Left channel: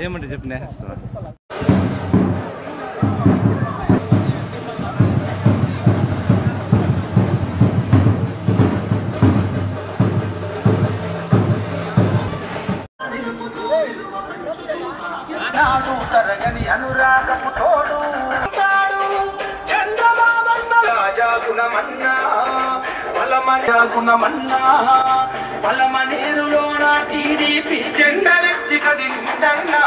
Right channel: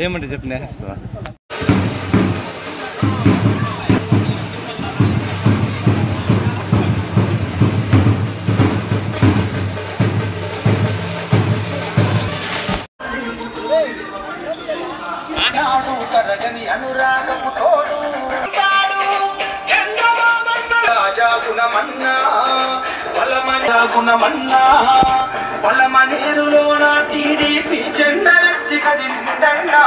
ఏమంటే చెప్పిన తరగని అనురాగపు తోడు రాజాగుణమన్నా బలమన్నా బలమనేరులో నా టీడీపీ జెండరెత్తి కదిలిందన్నా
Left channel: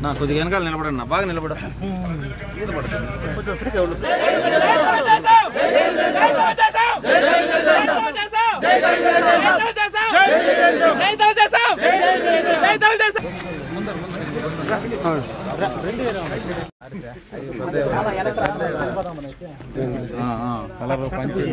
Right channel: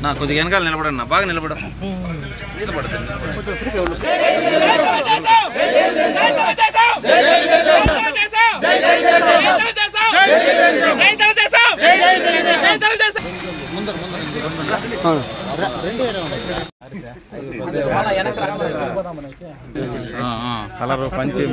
నా కొద్దిగా వెనకాల నిలబడన్నా బాగా నిలబడ మీద పడుతుంది కలర్ పంచి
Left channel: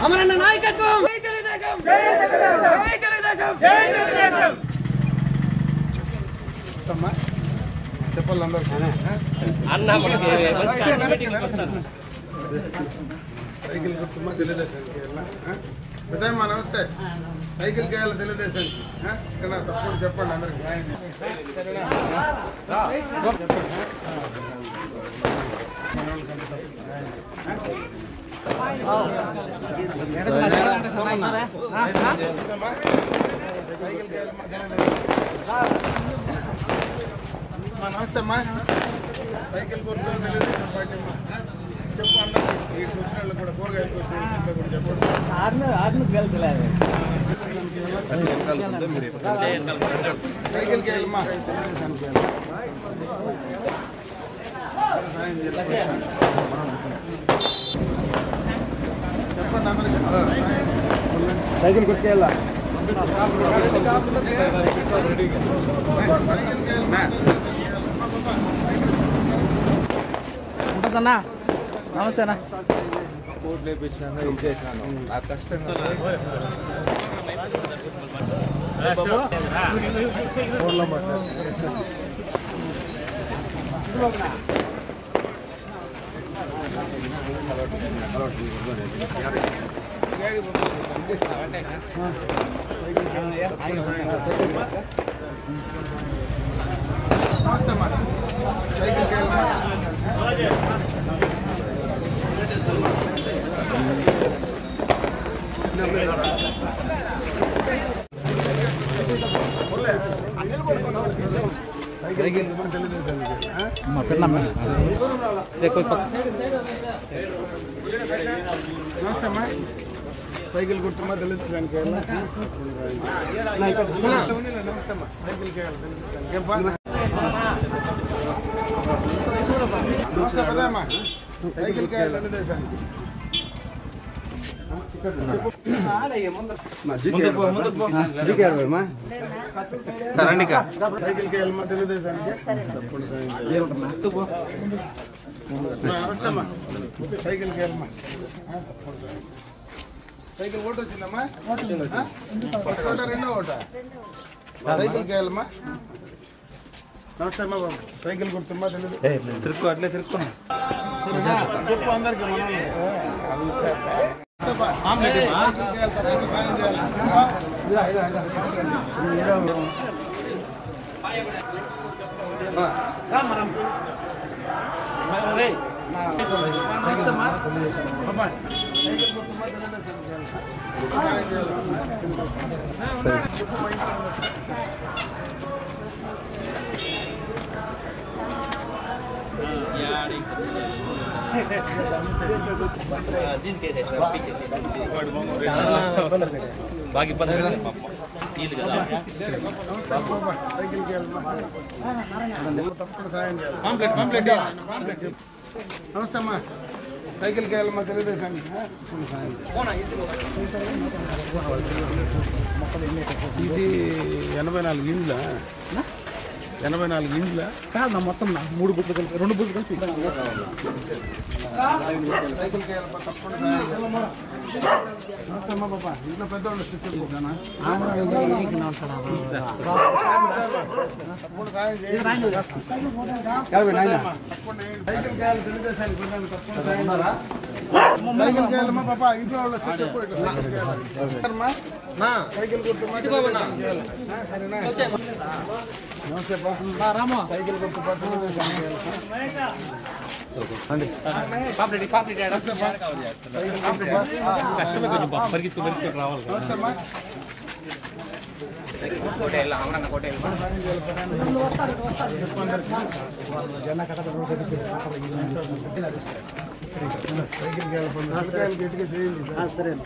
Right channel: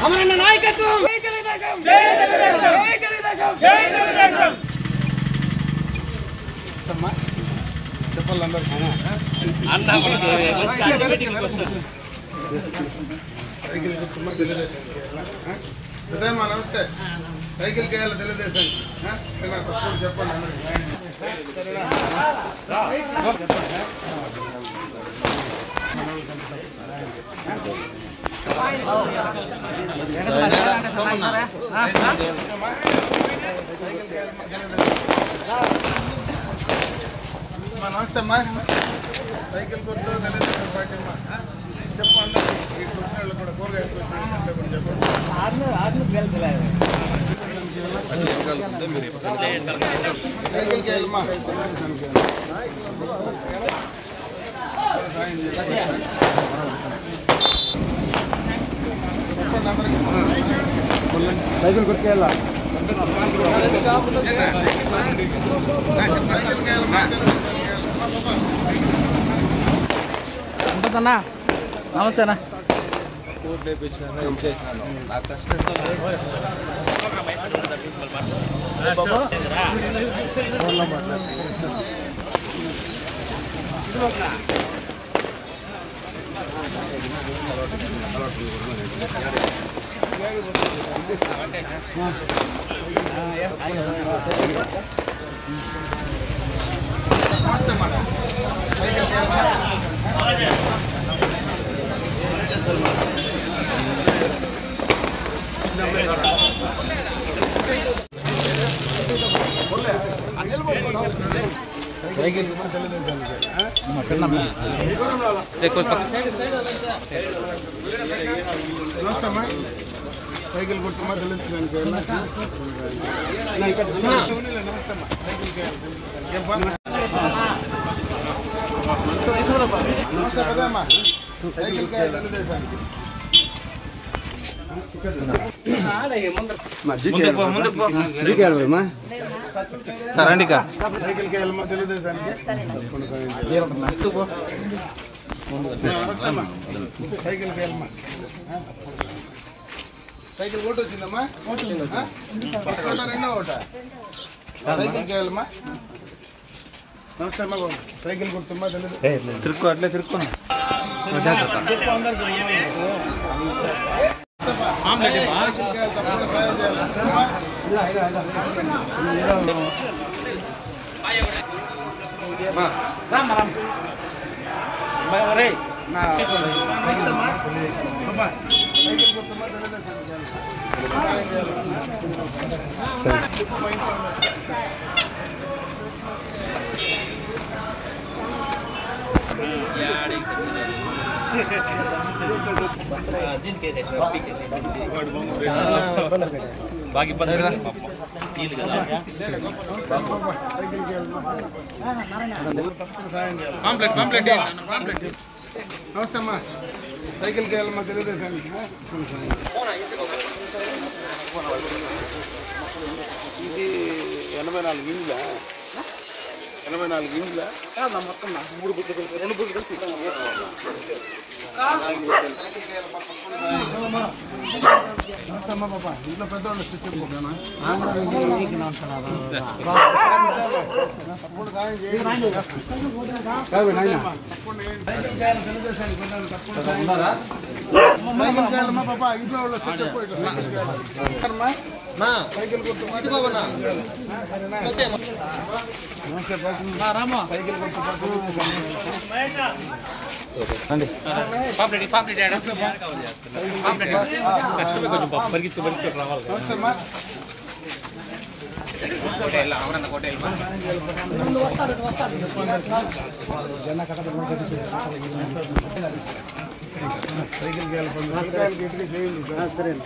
అమరన్న నాయకత్వం నమస్తే సైకిల్ కేయాలి తెలుగుదేశం తప్పుడు చెప్పండి అందరికి నమస్తే అమ్మా సైకిల్ గుర్తు తెలుగుదేశం పార్టీ అమ్మా చెప్పు అందరికి ఈ వచ్చిన వాళ్ళు కూడా కూరగాయలు చెప్పండి సైకిల్ కేయాలమ్మా తెలుగుదేశానికి చెప్పండి అందరికి సైకిల్ గుర్తేయాల ఉంటుందన్నా నమస్తేనా కోర్టు లేపించాను చేసినాను నా కష్టం ఫోన్లో నమస్తే అమ్మా సైకిల్ గుర్తమ్మా తెలుస్తానికి నమస్తే అమ్మా సైకిల్కి నమస్తే పదమ్మా సైకిల్కి తెలుదేశానికి సైకిల్కి వెళ్ళమ్మా తెలుదేశానికి తప్పకుండా నమస్తేమ్మా సైకిల్కి వెళ్ళమ్మా సైకిల్ ఓటు వచ్చిందమ్మా ఫస్ట్ ఓటా రెండో ఓటా సైకిల్కి వెళ్ళమ్మా నమస్తే అమ్మా సైకిల్ గుర్తుమ్మా తెలియదు తిరుక్కు అట్లే తిరుక్కు తిరుక్కు అందరికి నమస్తే అమ్మా సైకిల్కి వెళ్ళమ్మా తెలుగుదేశానికి ఇది 84 ఇండ్ల 84 ఇండ్ల మొత్తం 3 బుట్లు కలిపి 2 బుట్లు కలిపి నమస్తే అమ్మా పాప ఇంట్లో పెద్దవాళ్ళు తెచ్చుకోను తప్పకుండా సాయం చేయండి సైకిల్ కాయాలి తెలుగుదేశానికి తప్పకుండా సాయం సైకిల్ చేయాలమ్మా పాప ఇంట్లో వాళ్ళు తెచ్చుకోమ్మా సైకిల్ గుర్తుమ్మా సరేనా నమస్తే రామా సైకిల్ గుర్తుమ్మా సైకిల్ గట్టిగా చేయండి సరేనా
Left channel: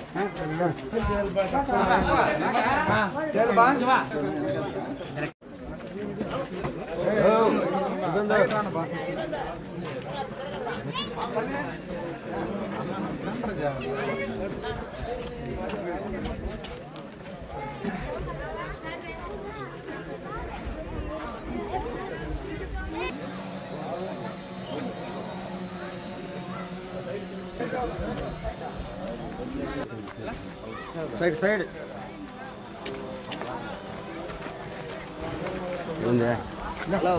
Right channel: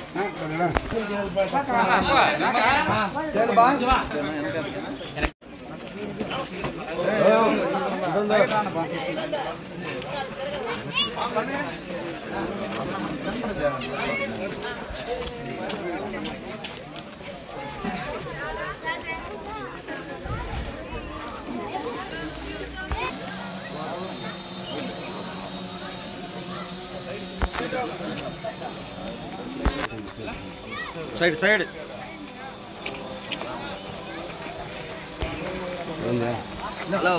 సైడ్ సైడ్ హలో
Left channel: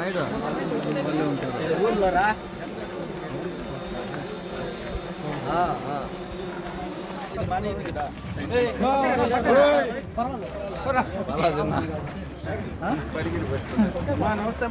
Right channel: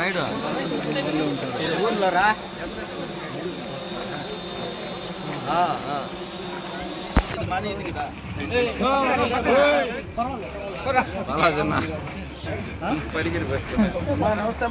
నైట్ ఊర్లో రా నమస్తే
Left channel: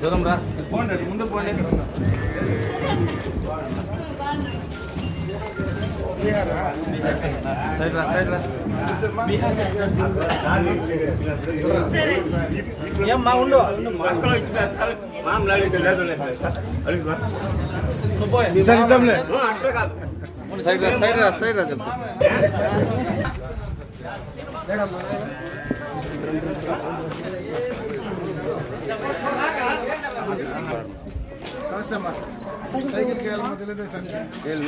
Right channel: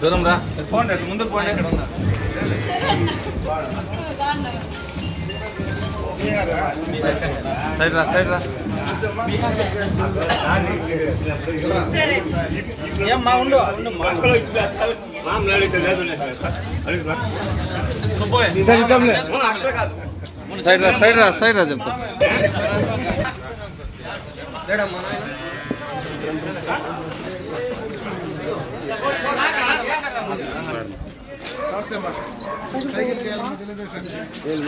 దూరం రా పోండి ముందుకు పోండి సైడ్ రా సైడ్ రా ఏమ్మా ఉండు సైడ్ రా సైడ్ రా సైడ్ రా చెప్పు సైకిల్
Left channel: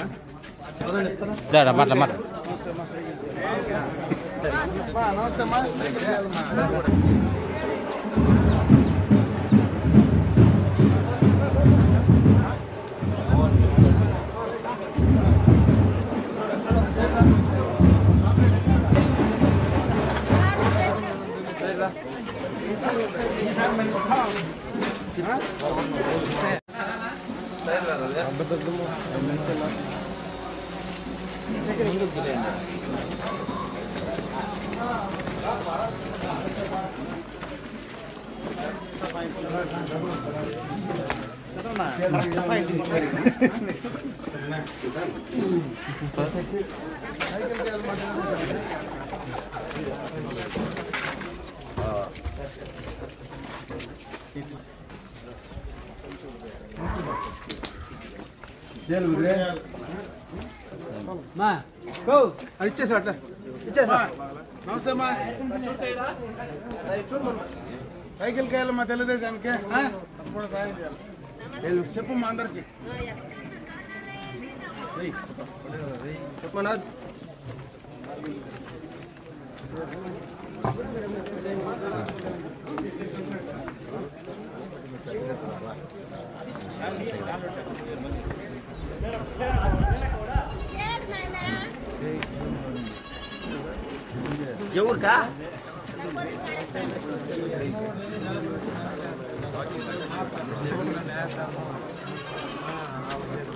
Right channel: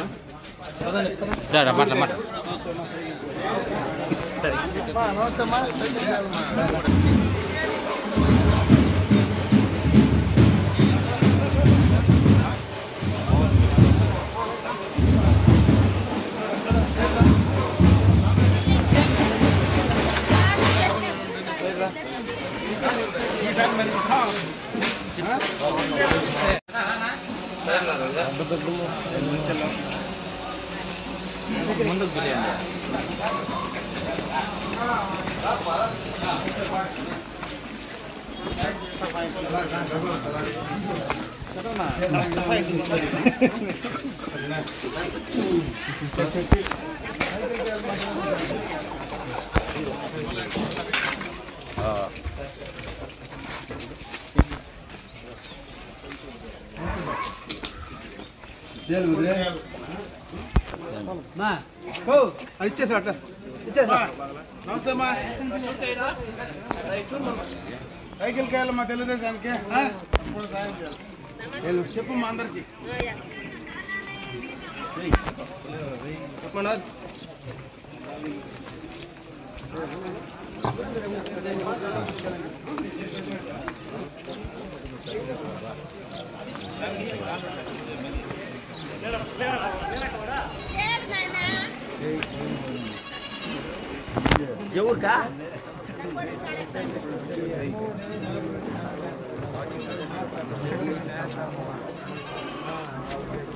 ఇచ్చేసా ఇచ్చేసా నమస్తే అమ్మా సైకిల్కి వెళ్ళమ్మా తెలుగుదేశానికి కూడా సాయం చేయాలి చెప్పమ్మా అందరికి చెప్పండి ఎవరుకా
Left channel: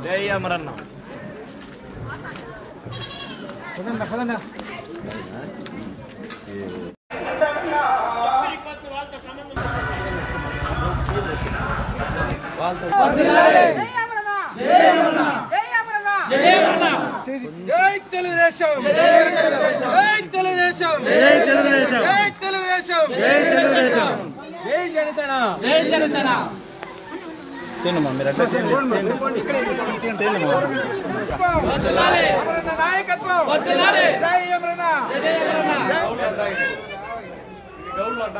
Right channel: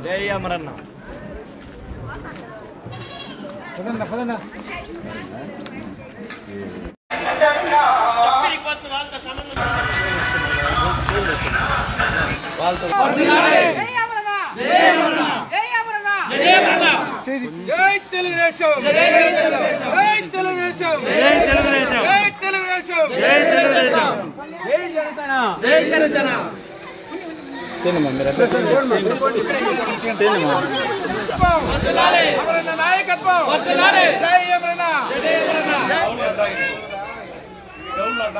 జై అమరన్న జై తెలుగుదేశం జై తెలుగుదేశం జై తెలుగుదేశం జై తెలుగుదేశం జై తెలుగుదేశం జై జనసేన జై జనసేన నాయకత్వం జై అమరన్న జై అమరన్న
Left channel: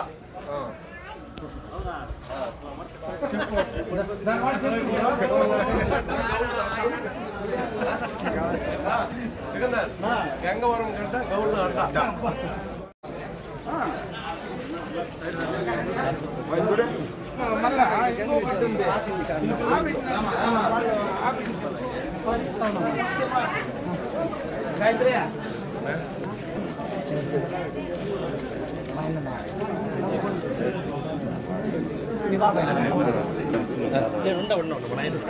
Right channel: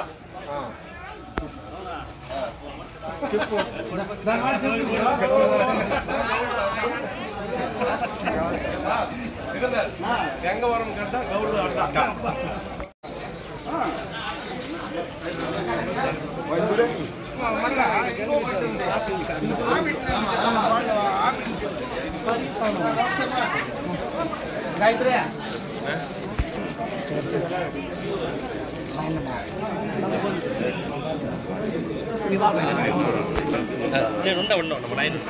గంగవరం గడ్డ గౌడు అడ్డ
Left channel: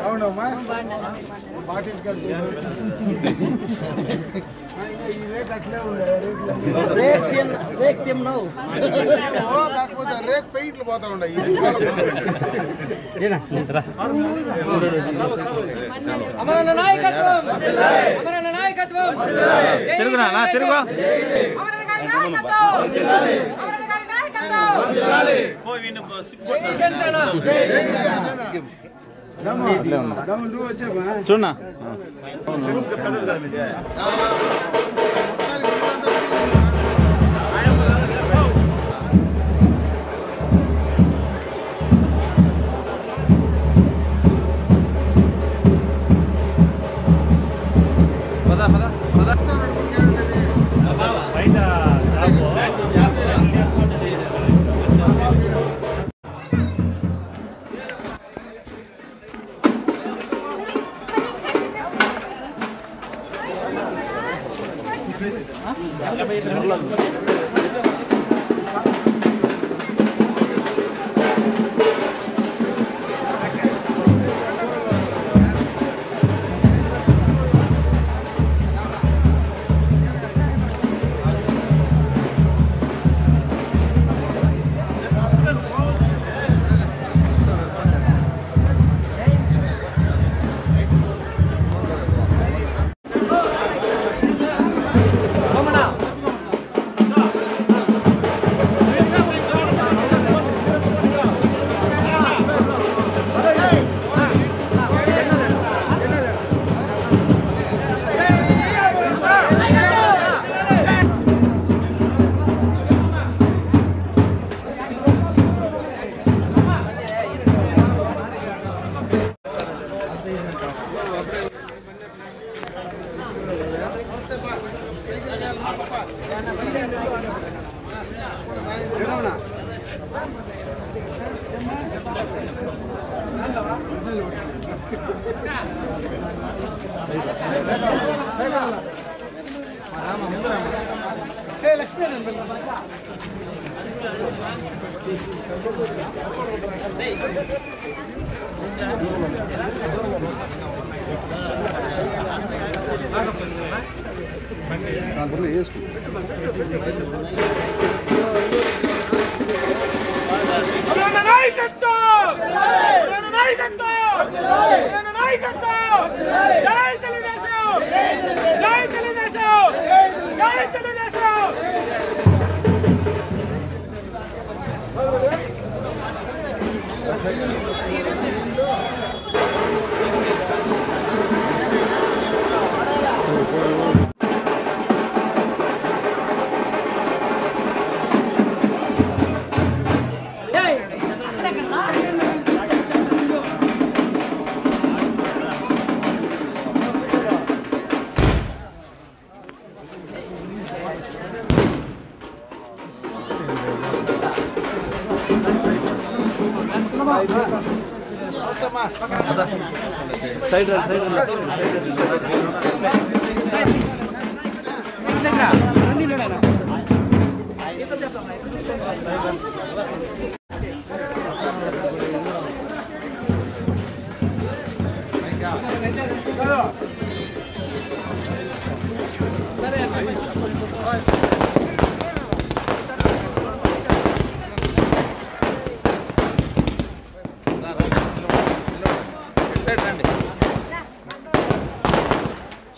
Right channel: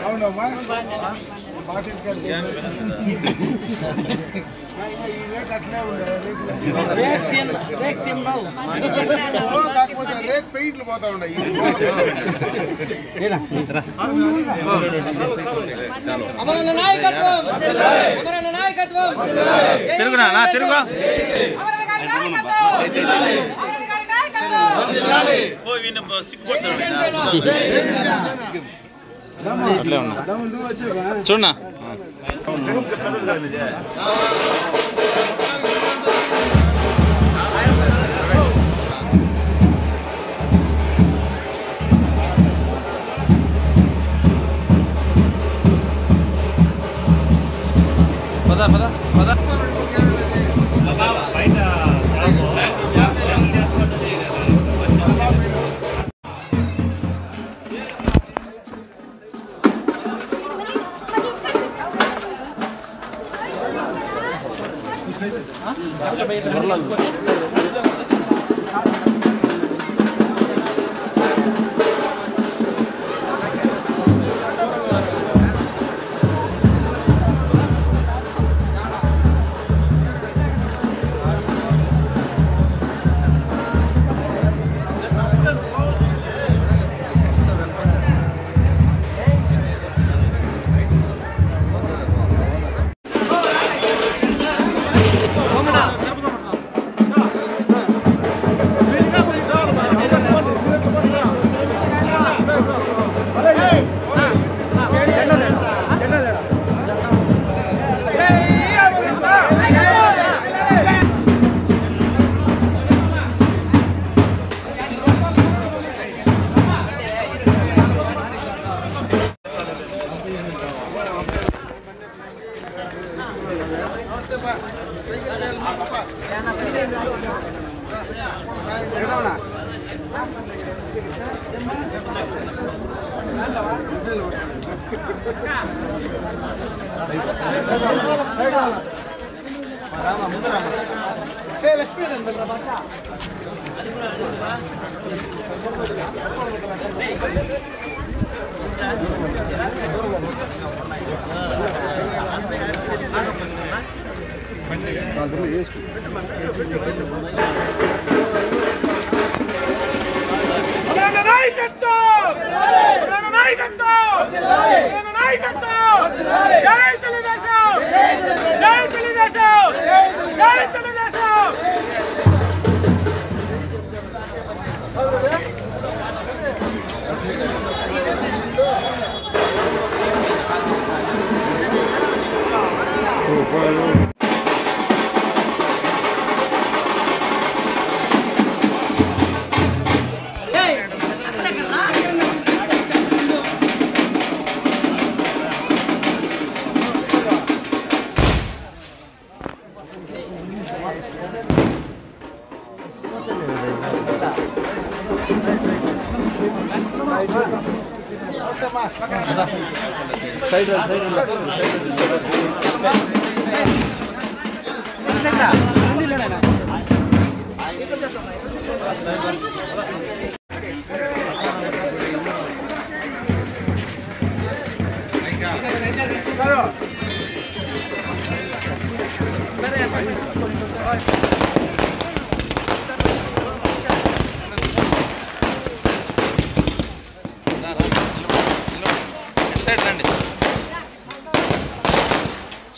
అవునమ్మా ఈ రేక్ అట్లే ఉండే కాకపోతే రేక్ పెయింట్లు పోతా ఉండే అమరన్న నాయకత్వం అమరన్న నాయకత్వం తిరుగునా తిరుగు చూడనా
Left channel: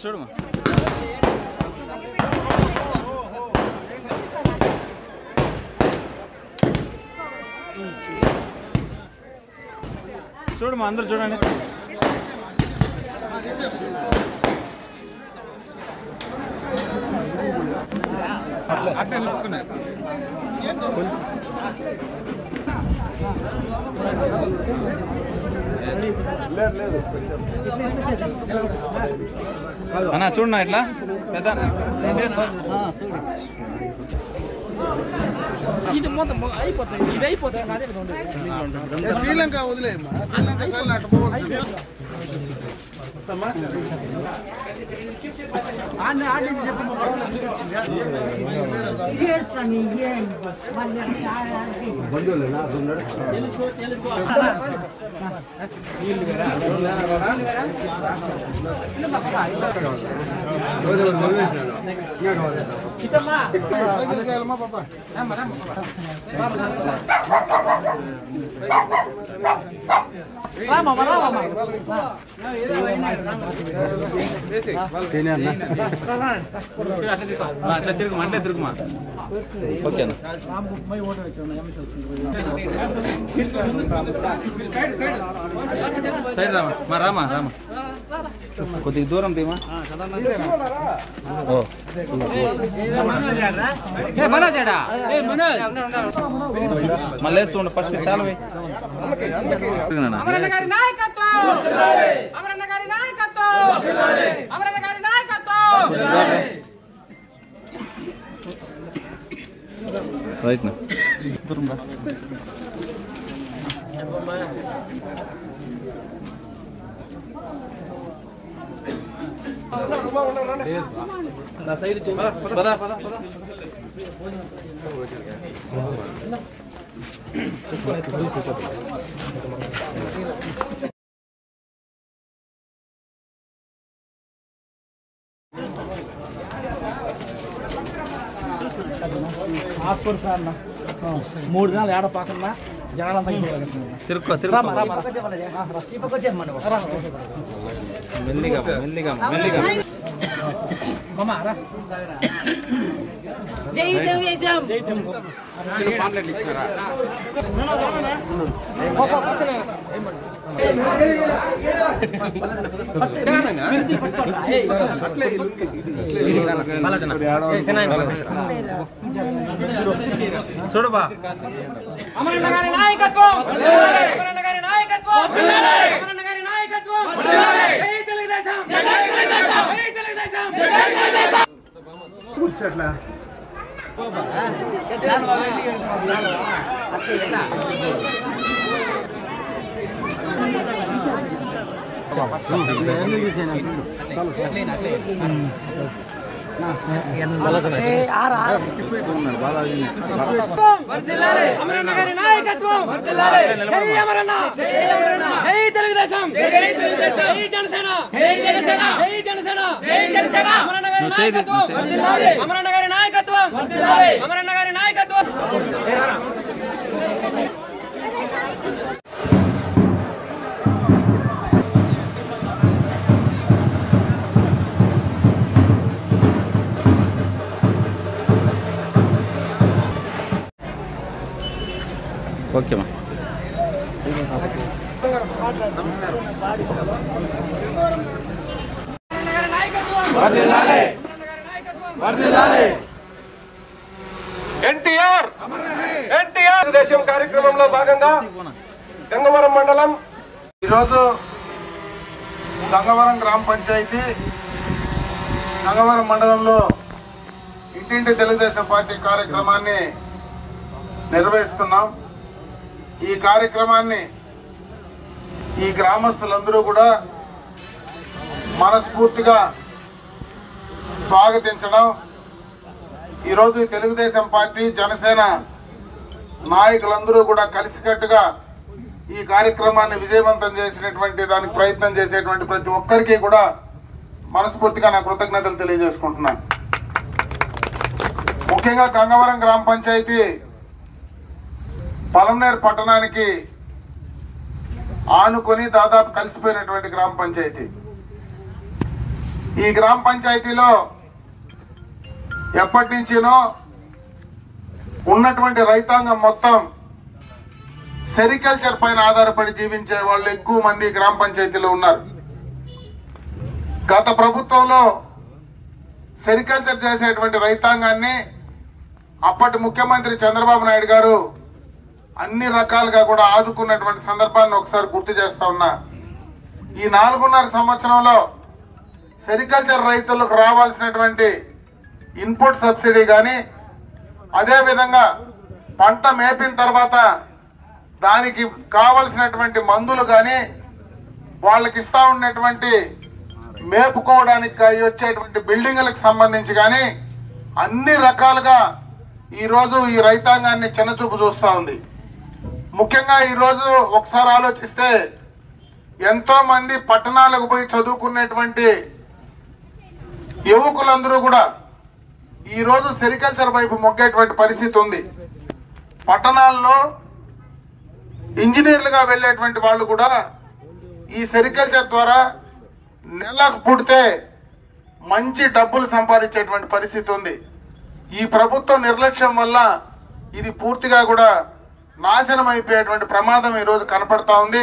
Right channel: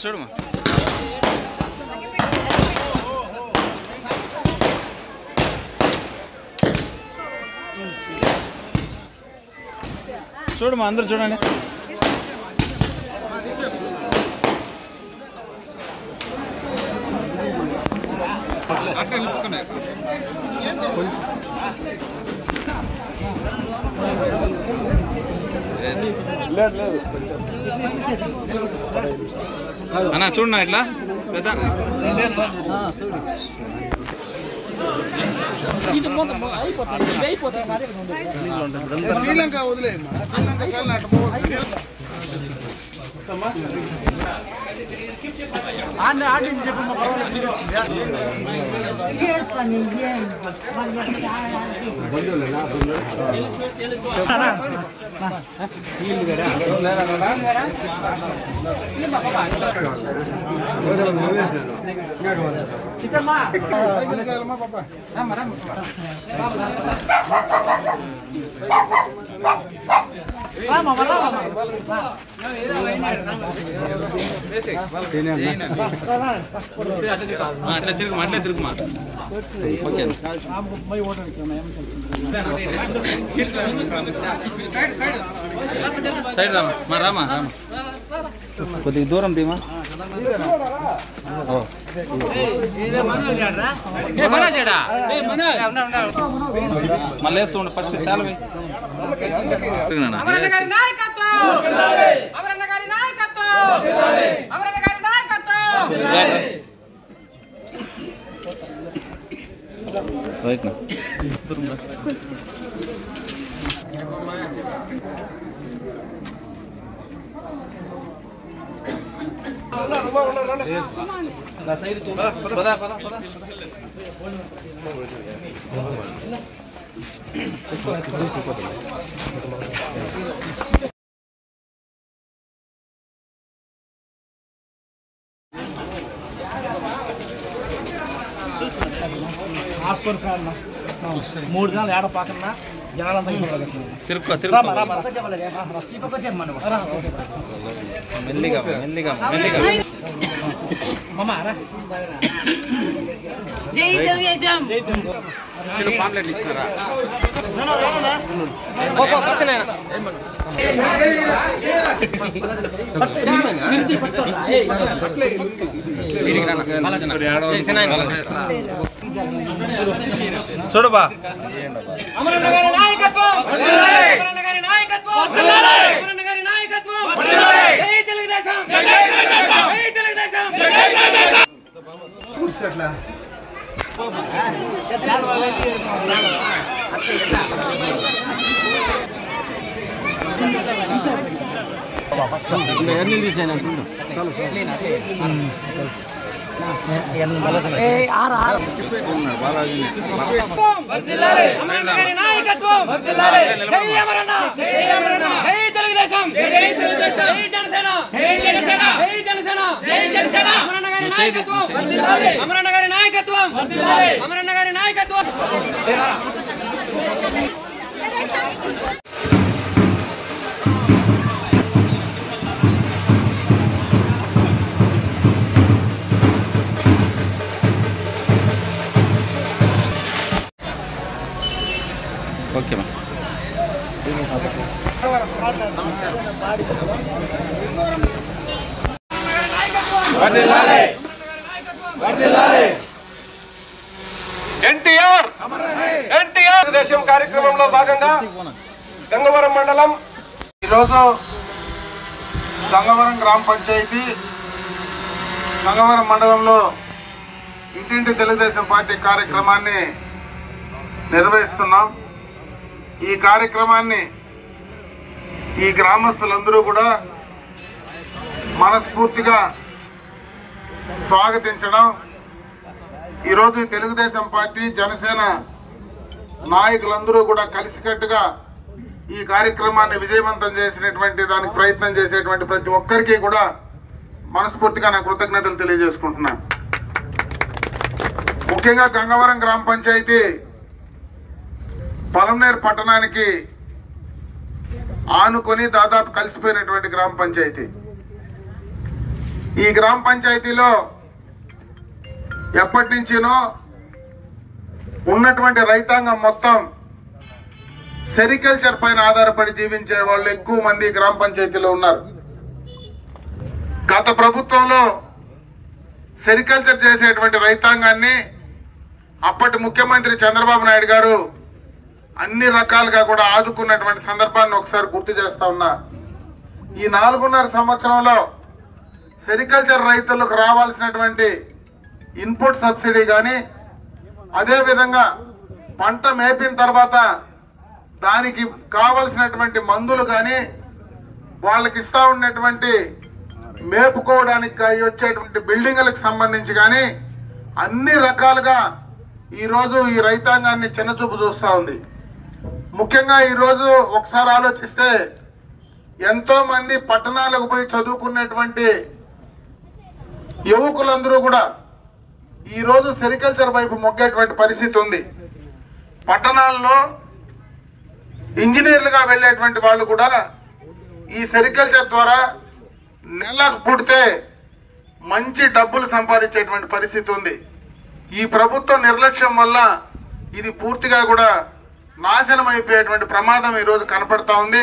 చూడమా చూడమా అందరు చూడండి అక్కడ నిలుచుకున్నారు అన్నా చూడన్నా ఇట్లా శ్రీలంక వదిలేమ్మా శ్రీలంక వస్తామా పాప అట్లా తిరుగుమా సైడ్ రామా కొద్దిగా దూరం దిమా మళ్ళీ వేస్తుండ ఫస్ట్ సెలవు రైట్ నా సైడ్ మూడు దినాలు ఏడ పాకన్నా జనాలంతా మెల్లిగా మెల్లిగా మెల్లిగా పాంప్లెట్ ఇచ్చినారా చూడబా అమరన్న గారి నాయకత్వం అమరన్న గారి నాయకత్వం అమరన్న గారి నాయకత్వం జై తెలుగుదేశం జై తెలుగుదేశం జై తెలుగుదేశం కూర్చో అట్లా తెలుగుదేశం అమరన్న గారి నాయకత్వం అమరన్న గారి నాయకత్వం ఓకే మా ఎన్టీఆర్ దేశం కార్యక్రమంలో భాగంగా గంగవరం మండలం ఈరోజు గంగవరం గ్రామ పంచాయతీ గంగవరం మండలంలో ఇంటింటి తెలుగుదేశం పార్టీ కార్యక్రమాన్ని నిర్వహిస్తున్నాం. ఈ కార్యక్రమాన్ని ఈ గ్రామస్తులందరూ కూడా మనస్ఫూర్తిగా స్వాగతించడం, ఈరోజు తెలుగుదేశం పార్టీ జనసేన నాయకులందరూ కూడా కలిసికట్టుగా ఈ కార్యక్రమాన్ని విజయవంతం చేసినటువంటి దానికి ప్రయత్నం చేసేటువంటి ప్రతి ఒక్కరికి కూడా మనస్ఫూర్తిగా నా కృతజ్ఞతలు తెలియజేసుకుంటున్నాను. ముఖ్యంగా గంగవరం గ్రామ పంచాయతీ పలమనేరు పట్టణానికి ఆనుకొని దాదాపు కలిసిపోయినటువంటి గ్రామ పంచాయతీ. ఈ గ్రామ పంచాయతీలో ఎప్పటి నుంచినో ఉన్నటువంటి రైతాంగం మొత్తం సెరికల్చర్ పైన ఆధారపడి జీవించే వాళ్ళు ఎక్కువ మంది గ్రామ పంచాయతీలో ఉన్నారు. గత ప్రభుత్వంలో సెరికల్చర్ చేసేటువంటి రైతాంగాన్ని అప్పటి ముఖ్యమంత్రి చంద్రబాబు నాయుడు గారు అన్ని రకాలుగా కూడా ఆదుకున్నటువంటి సందర్భాన్ని ఒకసారి గుర్తు చేస్తా ఉన్నా. ఈ 4.5 సంవత్సరంలో సెరికల్చర్ రైతులకు రావాల్సినటువంటి ఇన్పుట్ సబ్సిడీ కానీ, అదేవిధంగా పంట మేపిన తర్వాత దానికి కావలసినటువంటి మందులు కానీ, వాళ్ళకి ఇస్తా ఉన్నటువంటి మేపుకోవడానికి వచ్చేటువంటి బిల్డింగులకు సంబంధించి కానీ అన్ని రకాలుగా ఈరోజు ఈ రైతాంగాన్ని చిన్నచూపు చూస్తా ఉంది. ముఖ్యంగా ఈరోజు ఒకసారి ఆలోచిస్తే ఎంతో మంది పట్టణాలకు పోయి చదువుకున్నటువంటి యువకులందరూ కూడా ఈరోజు సెరికల్చర్ వైపు మొగ్గేటువంటి పరిస్థితి ఉంది. పట్టణాల్లో ఇంజనీర్లుగా వెళ్లేటువంటి వాళ్ళు కూడా ఈ సెరికల్చర్ ద్వారా నెలకు పుడితే మంచి డబ్బులు సంపాదించేటువంటి పరిస్థితి ఉంది. ఈ ప్రభుత్వ నిర్లక్ష్యం వల్ల ఇది పూర్తిగా కూడా నాశనం అయిపోయేటువంటి ప్రమాదం ఈరోజు కనపడతా ఉంది.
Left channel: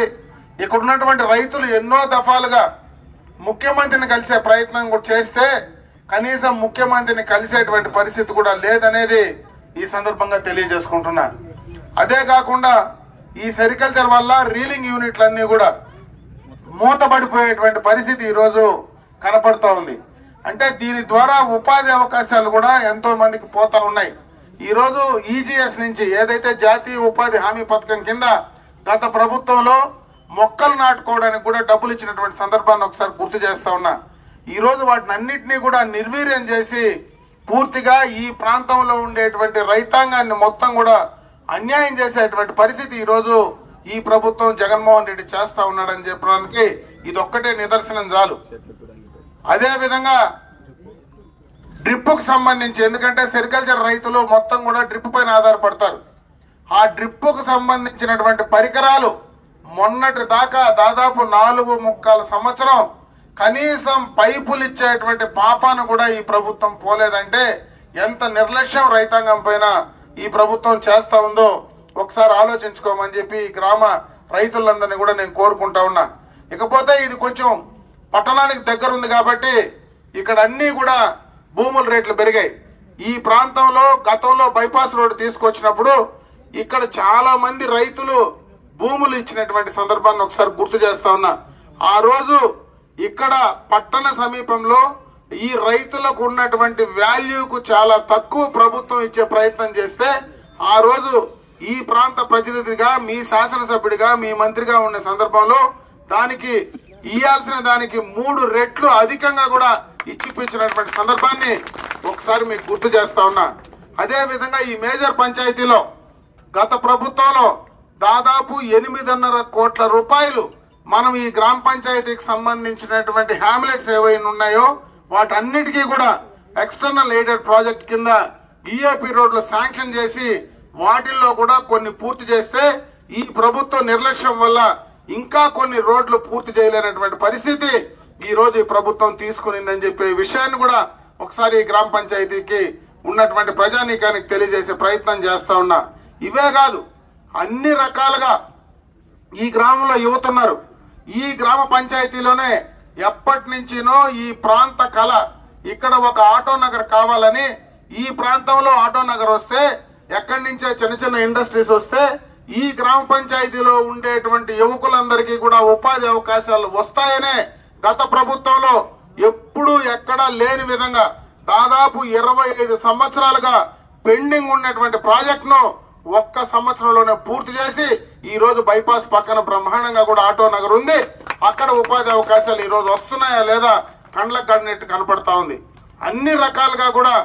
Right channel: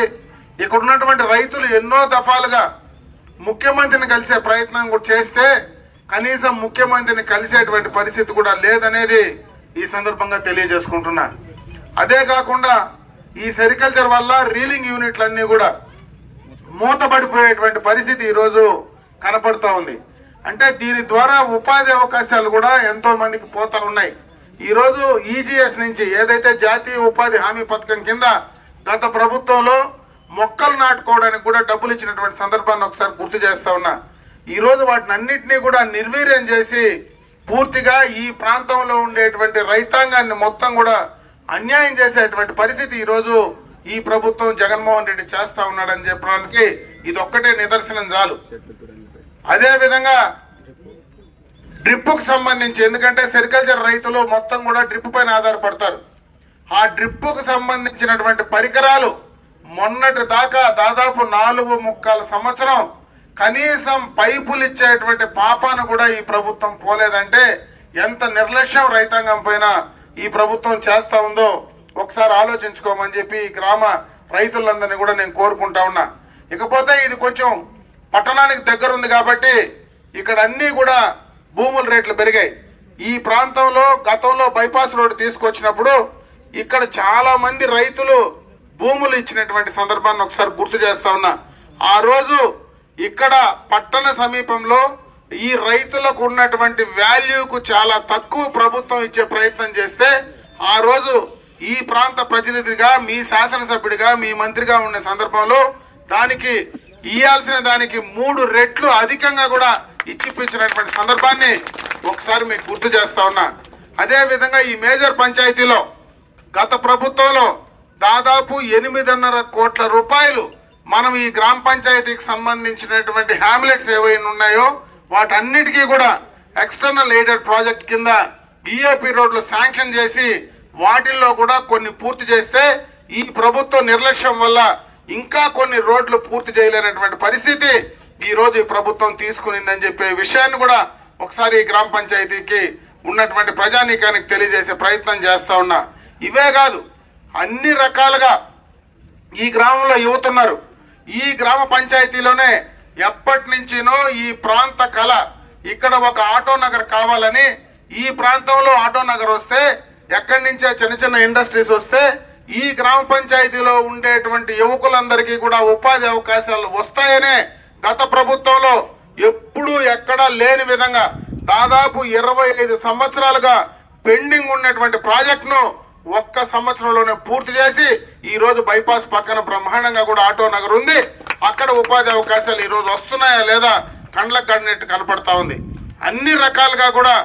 ఇక్కడ ఉన్నటువంటి రైతులు ఎన్నో దఫాలుగా ముఖ్యమంత్రిని కలిసే ప్రయత్నం కూడా చేస్తే కనీసం ముఖ్యమంత్రిని కలిసేటువంటి పరిస్థితి కూడా లేదనేది ఈ సందర్భంగా తెలియజేసుకుంటున్నా. అదే కాకుండా ఈ సెరికల్చర్ వల్ల రీలింగ్ యూనిట్లన్నీ కూడా మూతపడిపోయేటువంటి పరిస్థితి ఈరోజు కనపడతా ఉంది. అంటే దీని ద్వారా ఉపాధి అవకాశాలు కూడా ఎంతో మందికి పోతా ఉన్నాయి. ఈరోజు ఈజీఎస్ నుంచి ఏదైతే జాతీయ ఉపాధి హామీ పథకం కింద గత ప్రభుత్వంలో మొక్కలు నాటుకోవడానికి కూడా డబ్బులు ఇచ్చినటువంటి సందర్భాన్ని ఒకసారి గుర్తు చేస్తా ఉన్నా. ఈ రోజు వాటిని అన్నింటినీ కూడా నిర్వీర్యం చేసి పూర్తిగా ఈ ప్రాంతంలో ఉండేటువంటి రైతాంగాన్ని మొత్తం కూడా అన్యాయం చేసేటువంటి పరిస్థితి ఈ రోజు ఈ ప్రభుత్వం జగన్మోహన్ రెడ్డి చేస్తా ఉన్నాడని చెప్పడానికి ఇది ఒక్కటే నిదర్శనం చాలు. అదే విధంగా డ్రిప్ కు సంబంధించి, ఎందుకంటే సెరికల్చర్ రైతులు మొత్తం కూడా డ్రిప్ పైన ఆధారపడతారు. ఆ డ్రిప్ కు సంబంధించినటువంటి పరికరాలు మొన్నటి దాకా దాదాపు 4.25 సంవత్సరం కనీసం పైపులు ఇచ్చేటువంటి పాపాను కూడా ఈ ప్రభుత్వం పోలేదంటే ఎంత నిర్లక్ష్యం రైతాంగం పైన ఈ ప్రభుత్వం చేస్తా ఉందో ఒకసారి ఆలోచించుకోమని చెప్పి ఈ గ్రామ రైతులందరినీ కూడా నేను కోరుకుంటా ఉన్నా. ఇకపోతే ఇది కొంచెం పట్టణానికి దగ్గర ఉంది కాబట్టి ఇక్కడ అన్ని కూడా భూముల రేట్లు పెరిగాయి. ఈ ప్రాంతంలో గతంలో బైపాస్ రోడ్డు తీసుకొచ్చినప్పుడు ఇక్కడ చాలా మంది రైతులు భూములు ఇచ్చినటువంటి సందర్భాన్ని ఒకసారి గుర్తు చేస్తా ఉన్నా. ఆ రోజు ఇక్కడ పట్టణ సమీపంలో ఈ రైతులకు ఉన్నటువంటి వాల్యూకు చాలా తక్కువ ప్రభుత్వం ఇచ్చే ప్రయత్నం చేస్తే ఆ రోజు ఈ ప్రాంత ప్రతినిధిగా మీ శాసనసభ్యుడిగా మీ మంత్రిగా ఉన్న సందర్భంలో దానికి ఇయ్యాల్సిన దానికి 3 రెట్లు అధికంగా కూడా ఇచ్చిపించినటువంటి సందర్భాన్ని ఒకసారి మీకు గుర్తు చేస్తా ఉన్నా. అదే విధంగా ఈ మేజర్ పంచాయతీలో గత ప్రభుత్వంలో దాదాపు 8.5 కోట్ల రూపాయలు మనం ఈ గ్రామ పంచాయతీకి సంబంధించినటువంటి హ్యామ్లెట్స్ ఏవైనా ఉన్నాయో వాటన్నిటికీ కూడా ఎక్స్టర్నల్ ఎయిడెడ్ ప్రాజెక్ట్ కింద ఈఏపీ రోడ్లు శాంక్షన్ చేసి వాటిల్లో కూడా కొన్ని పూర్తి చేస్తే ఈ ప్రభుత్వ నిర్లక్ష్యం వల్ల ఇంకా కొన్ని రోడ్లు పూర్తి చేయలేనటువంటి పరిస్థితి ఈ రోజు ఈ ప్రభుత్వం తీసుకునిందని చెప్పే విషయాన్ని కూడా ఒకసారి ఈ గ్రామ పంచాయతీకి ఉన్నటువంటి ప్రజానీకానికి తెలియజేసే ప్రయత్నం చేస్తా ఉన్నా. ఇవే కాదు, అన్ని రకాలుగా ఈ గ్రామంలో యువత ఉన్నారు. ఈ గ్రామ పంచాయతీలోనే ఎప్పటి నుంచినో ఈ ప్రాంత కళ ఇక్కడ ఒక ఆటో నగర్ కావాలని, ఈ ప్రాంతంలో ఆటో నగర్ వస్తే ఎక్కడి నుంచే చిన్న చిన్న ఇండస్ట్రీస్ వస్తే ఈ గ్రామ పంచాయతీలో ఉండేటువంటి యువకులందరికీ కూడా ఉపాధి అవకాశాలు వస్తాయనే గత ప్రభుత్వంలో ఎప్పుడూ ఎక్కడా లేని విధంగా దాదాపు 25 సంవత్సరాలుగా పెండింగ్ ఉన్నటువంటి ప్రాజెక్టును ఒక్క సంవత్సరంలోనే పూర్తి చేసి ఈ రోజు బైపాస్ పక్కన బ్రహ్మాండంగా కూడా ఆటో నగర్ ఉంది. అక్కడ ఉపాధి అవకాశాలు ఈ రోజు వస్తున్నాయా లేదా కండ్లకు కడినట్టు కనపడతా ఉంది. అన్ని రకాలుగా కూడా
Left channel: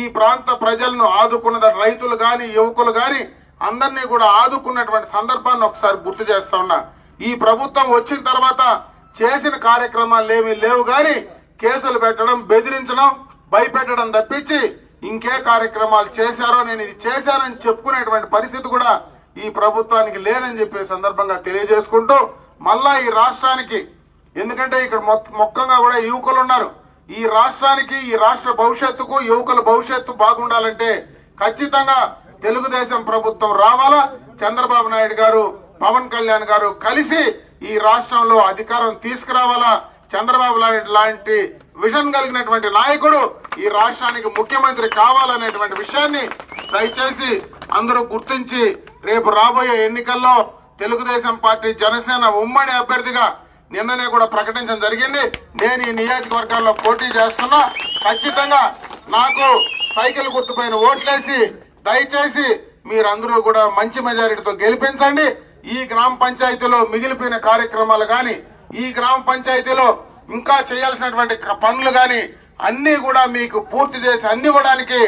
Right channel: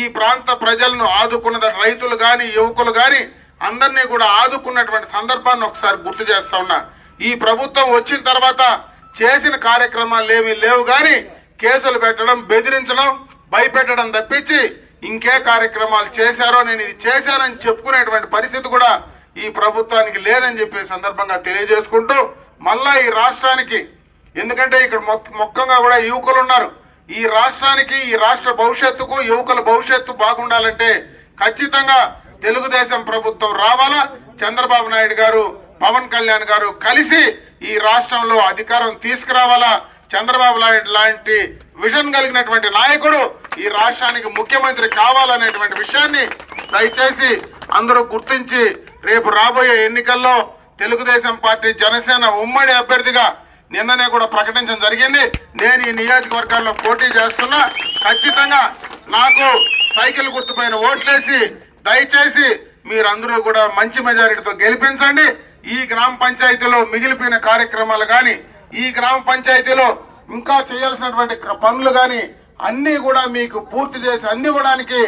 ఈ ప్రాంత ప్రజలను ఆదుకున్న రైతులు గాని యువకులు గాని అందరినీ కూడా ఆదుకున్నటువంటి సందర్భాన్ని ఒకసారి గుర్తు చేస్తా ఉన్నా. ఈ ప్రభుత్వం వచ్చిన తర్వాత చేసిన కార్యక్రమాలు ఏమీ లేవు గాని కేసులు పెట్టడం, బెదిరించడం, భయపెట్టడం తప్పించి ఇంకే కార్యక్రమాలు చేశారో నేను ఇది చేశానని చెప్పుకునేటువంటి పరిస్థితి కూడా ఈ ప్రభుత్వానికి లేదని చెప్పే సందర్భంగా తెలియజేసుకుంటూ మళ్ళా ఈ రాష్ట్రానికి, ఎందుకంటే ఇక్కడ మొత్తంగా కూడా యువకులు ఉన్నారు, ఈ రాష్ట్రానికి ఈ రాష్ట్ర భవిష్యత్తుకు యువకుల భవిష్యత్తు బాగుండాలంటే ఖచ్చితంగా తెలుగుదేశం ప్రభుత్వం రావాలా. చంద్రబాబు నాయుడు గారు, పవన్ కళ్యాణ్ గారు కలిసి ఈ రాష్ట్రంలో అధికారం తీసుకురావాలా. చంద్రబాబు నాయుడు లాంటి విజన్ కలిగినటువంటి నాయకుడు ఈ రాష్ట్రానికి ముఖ్యమంత్రి కావాలనేటువంటి విషయాన్ని దయచేసి అందరూ గుర్తించి రేపు రాబోయే ఎన్నికల్లో తెలుగుదేశం పార్టీ జనసేన ఉమ్మడి అభ్యర్థిగా నిన్ననే కూడా ప్రకటించడం జరిగింది. నేను ఈ నియోజకవర్గాల్లో పోటీ చేస్తున్నా. ఖచ్చితంగా నాకు సైకిల్ గుర్తుపైన ఓట్లేసి దయచేసి మీరందరూ కూడా మంచి మెజారిటీతో గెలిపించండి. ఈ గ్రామ పంచాయతీలో మిగిలిపోయిన కార్యక్రమాలు గాని, ఈ గ్రామ పంచాయతీలో ఇంకా చేయాల్సినటువంటి పనులు గాని అన్ని కూడా మీకు పూర్తి చేసి అందివ్వడానికి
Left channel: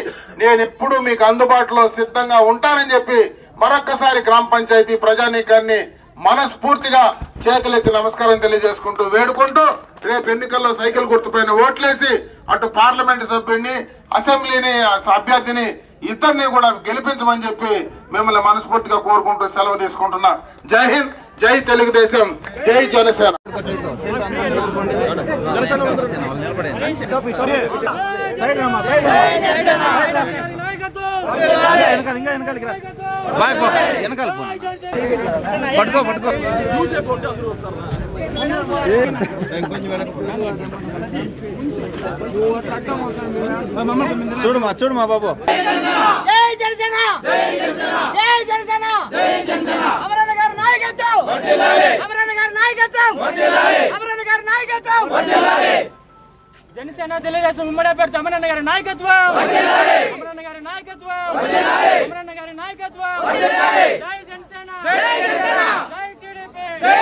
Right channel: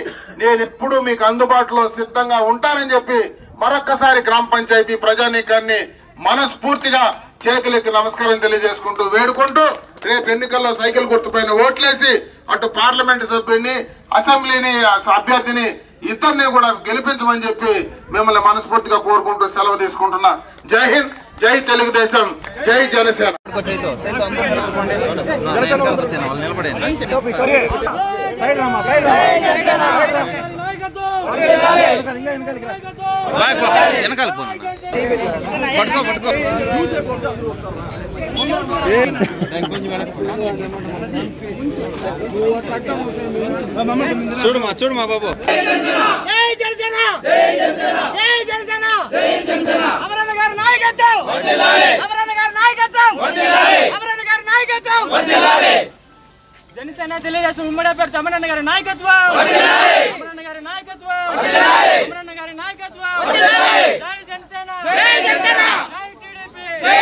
నేను ఎప్పుడూ మీకు అందుబాటులో సిద్ధంగా ఉంటానని చెప్పి మరొక్కసారి గ్రామ పంచాయతీ ప్రజానీకాన్ని మనస్ఫూర్తిగా చేతులెత్తి నమస్కారం తెలియజేసుకుంటూ వేడుకుంటూ రేపు ఎన్నికల్లో సైకిల్ గుర్తుపైన ఓట్లేసి అటు పార్లమెంటు సభ్యుడిని, అసెంబ్లీని అభ్యర్థిని ఇద్దరిని కూడా గెలిపించమని చెప్పి మిమ్మల్ని మనస్ఫూర్తిగా కోరుకుంటూ సెలవు తీసుకుంటున్నా. జై హింద్, జై తెలుగుదేశం, జై జనసేన. చూడమా బాబు. జై జనసేన, జై జనసేన, జై జనసేన, జై జనసేన. అమరన్న గారి నాయకత్వం వర్ధిల్లాలి, అమరన్న గారి నాయకత్వం వర్ధిల్లాలి, అమరన్న గారి నాయకత్వం వర్ధిల్లాలి. జనసేన తెలుగుదేశం ఉమ్మడి అభ్యర్థి అమరన్న గారి నాయకత్వం వర్ధిల్లాలి, అమరన్న గారి నాయకత్వం వర్ధిల్లాలి, అమరన్న గారి నాయకత్వం వర్ధిల్లాలి. జై జనసేన, జై జనసేన, జై టీడీపీ, జై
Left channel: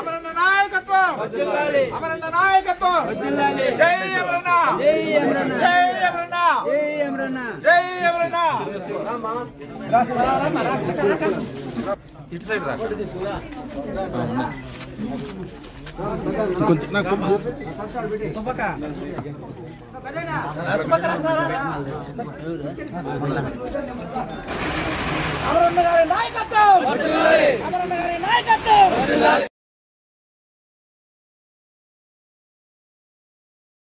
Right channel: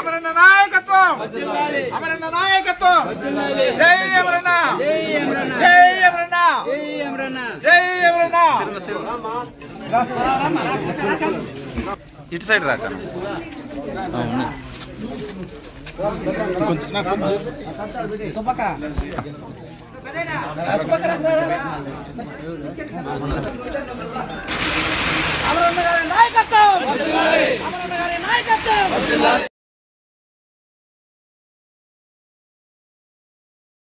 అమరన్న నాయకత్వం వర్ధిల్లాలి, అమరన్న నాయకత్వం వర్ధిల్లాలి. జై అమరన్న, జై అమరన్న, జై అమరన్న, జై అమరన్న, జై అమరన్న. ఇటు సైడ్ రాక అమరన్న గారి నాయకత్వం వర్ధిల్లాలి, అమరన్న గారి నాయకత్వం వర్ధిల్లాలి.